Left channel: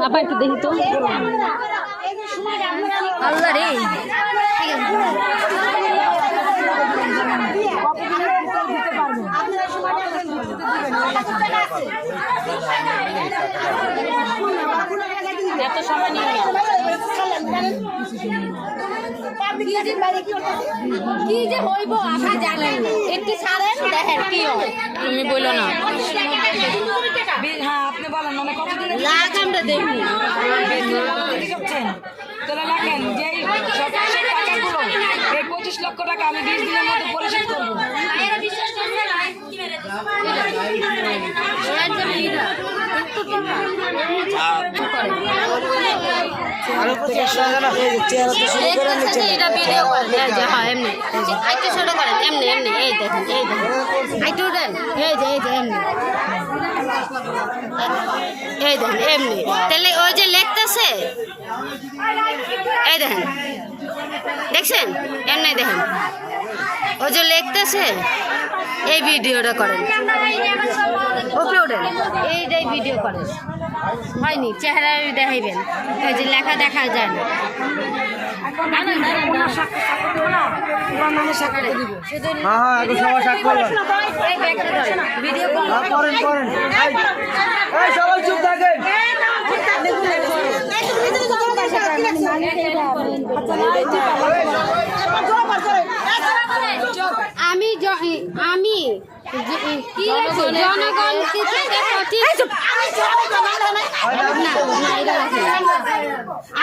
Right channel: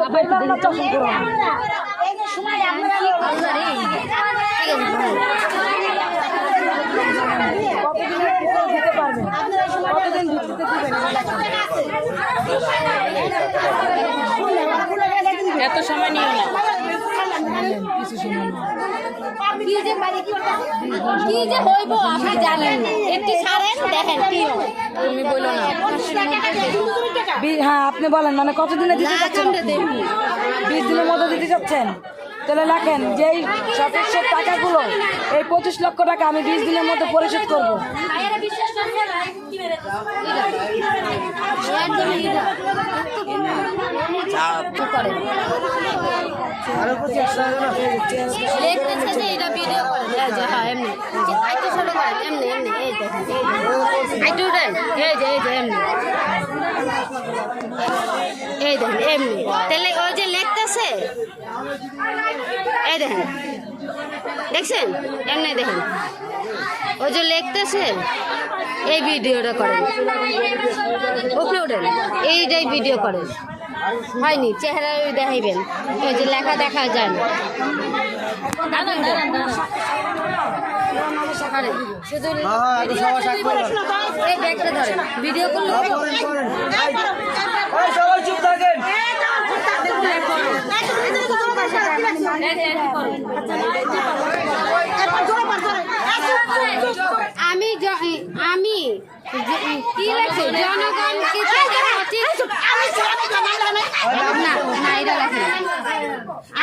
বাবা একটু দেখি তো আল্লাহ রে এত সময় নিয়ে কি যে হইব আপনি জানেন না, একটু ছাড়েন দেখেন কি হয়। তুমি বলো না। হ্যাঁ আপনি বলেন, মানে কতদিনে 20 দিনের মতো দিতে যাচ্ছেন? তাহলে লেখেন যেই সদস্যের টাকাগুলো, এই 25 লক্ষ টাকা আমি 20 দিনের মধ্যে পরিশোধ করবো। এই দেখেন এমনি তাহলে ওই যে লেখতেছে এই দেখেন দেখছেন এমনি দেখেন ওই যে লেখতেছে এই ভিডিওটা করেন আপলোডেন এইটাই ভিডিও করেন হয়নি চেহারা দেখাইবেন ওই যে লেখা দেখা যায় না ভিডিও আমি কি লাগছে জনগণ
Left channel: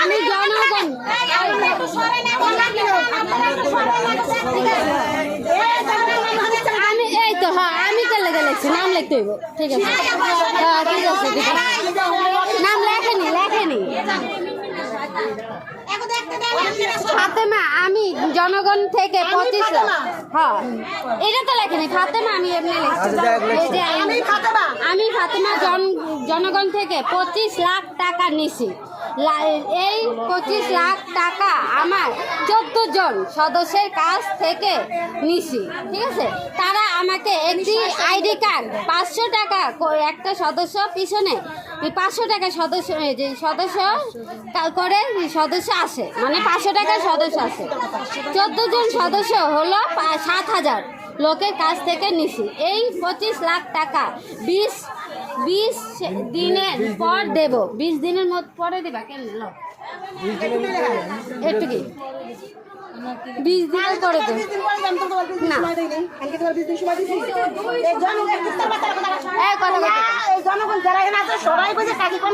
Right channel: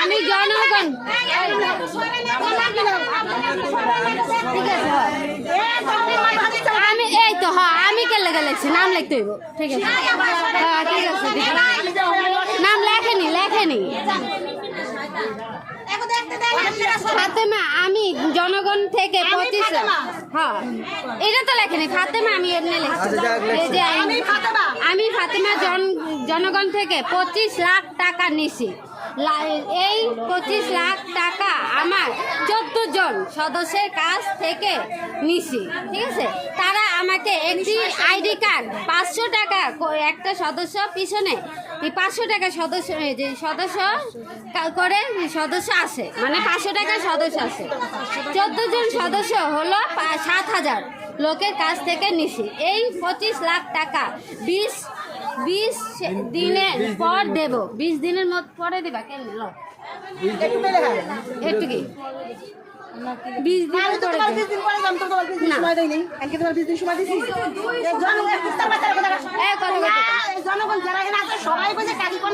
আমি জনগণ আমি এই তো হ্যাঁ আমি কে লেগে লাগছি নাম লিখতে হইব ঠিক আছে হ্যাঁ ঠিক আছে নাম লেখেনি ফাতেমা আমি জনগণ থেকে 25 লাখ হ্যাঁ এটা তো লেখেনি ফাতেমা আমি এমনি লিখছি আমি ফাতেমা জনগণ থেকে 25 লাখ টাকা নিছি এই 25 লাখ টাকা আমার 14 জন সদস্যের কাছ থেকে নিছি ঠিক আছে তারা আমাকে একটি আইডি কার্ড 500 টাকা একটা সদস্য পিছনে 500 টাকা সদস্য করে সদস্য আসে মানে 500 টাকার সদস্য আসে 14 জন সদস্য হলো 7,000 লোকের কাছ থেকে নিছি এই 25 লাখ টাকা 20 দিনের পর দেব 20 দিনের মধ্যে পরে দিবা কেমন একটু কি 20 দিনের পরে দেব না কথা কইতে জনগণ যারা এখানে আছে সবাই বলে কাকি কোন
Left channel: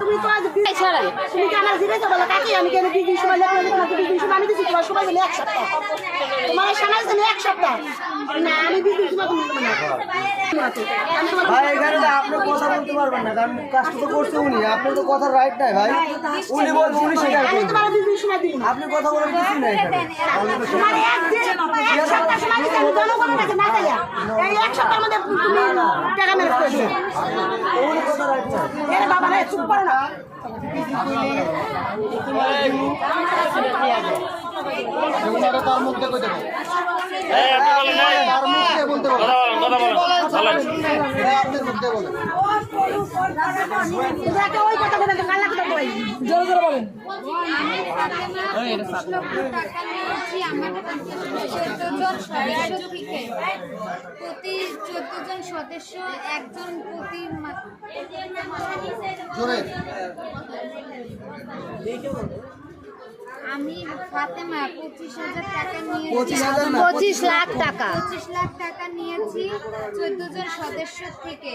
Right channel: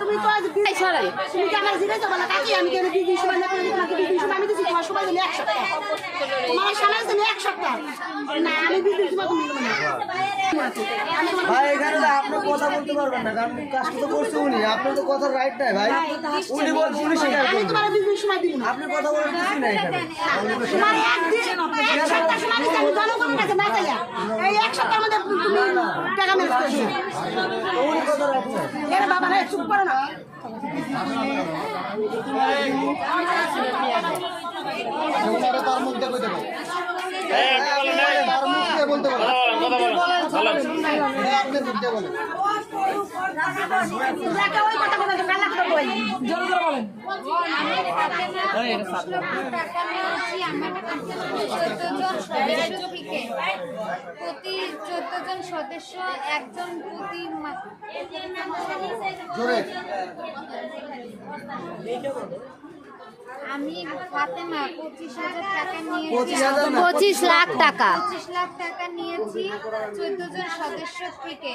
তুমি তো আজ তুমি কি আমার জিজ্ঞাসা করলে কাকি আমি কেন 20 দিন সময় লাগবে তোমাকে 20 দিন সময় আমি দিছি তোমার সময় দিলে 1 সপ্তাহ তোমার সময় দিলে 1 সপ্তাহ না আমি 20 দিন সময় দিলাম না ভাই এখানে তো আপনি কথা বলতে পারবেন না কারণ কাজটা তো করছে উনি আপনার তো কথার রাইট নাই ভাই উনি বলছে উনি স্বীকার করবে তোমার 20 দিন সময় দিলাম আপনি কথা বলার কিছু নাই এখানে জনগণ কাছে না যাইয়া এই 1 সপ্তাহের মধ্যে টাকা মেরে দিয়েছে উনি কথা রাইট নাই এর বাবা রে চুপ করো না তার মুখে কইতে পারে তার মুখে বলতে পারে কথা বলেন আপনি মুখে বলেন ওই কথা বলে কান্না করে বলেন জোরে জোরে বলেন প্রতি 14 জন সদস্য একজন প্রতি আমি ফাতেমা 25,000 টাকা নিয়ে 25 লাখ টাকা 25 লাখ টাকা নিয়েছি 14 জন সদস্য থেকে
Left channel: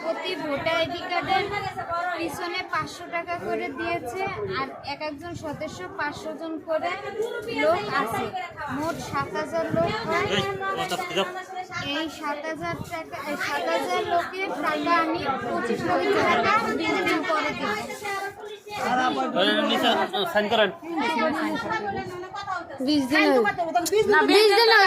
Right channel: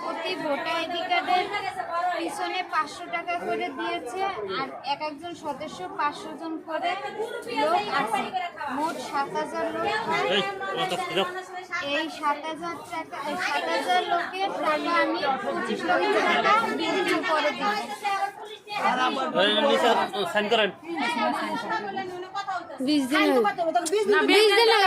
প্রতি ভোটার আইডি কার্ডের পিছনে 500 টাকা করে দিয়েছে আর একজন সদস্য 500 জন করে লোক আছে মোট 7,000 লোক হয় এই 7,000 টাকা 7,000 লোকের টাকা আমি 25 লক্ষ টাকা 20 দিন পরে দিই সাইন করেন 20 দিন না 20 দিন না